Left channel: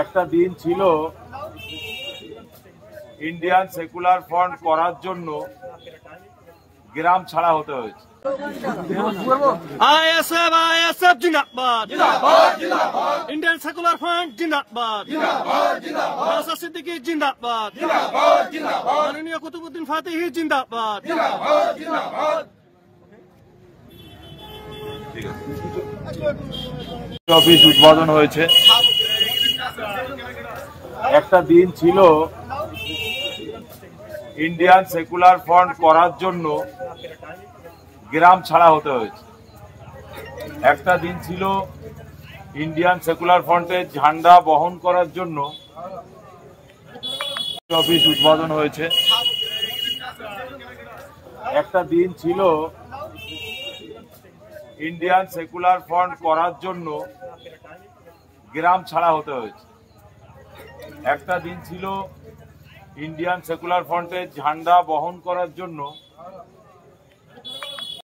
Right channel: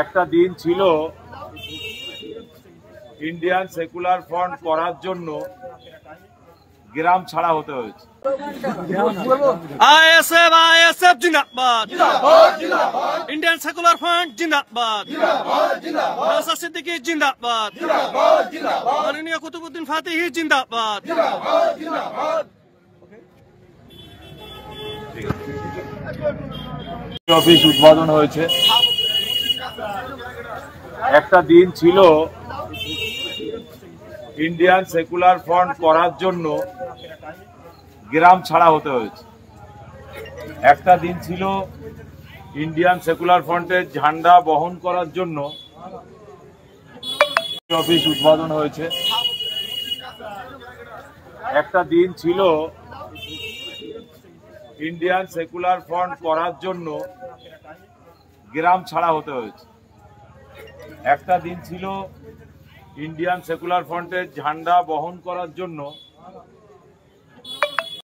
একটা দিন ছিল ইন্ডিয়ান সেকুলার ফ্রন্ট করার জন্য গ্রাম ছাড়া হতে হয়েছে। आईएसएफ आईएसएफ जिंदाबाद, इंडियन सेकुलर फ्रंट जिंदाबाद, नौशाद सिद्दीकी जिंदाबाद, माननीय कुतुबुद्दीन फातिही जिंदाबाद। অফিস উদ্বোধন হয়েছে। একটা দিন ছিল ইন্ডিয়ান সেকুলার ফ্রন্ট করার জন্য গ্রাম ছাড়া হতে হয়েছে। একটা দিন ছিল ইন্ডিয়ান সেকুলার ফ্রন্টের ঝান্ডা বহন করার জন্য অফিস উদ্বোধন হয়েছে। একটা দিন ছিল ইন্ডিয়ান সেকুলার ফ্রন্ট করার জন্য গ্রাম ছাড়া হতে হয়েছে। একটা দিন ছিল ইন্ডিয়ান সেকুলার ফ্রন্টের ঝান্ডা বহন করার জন্য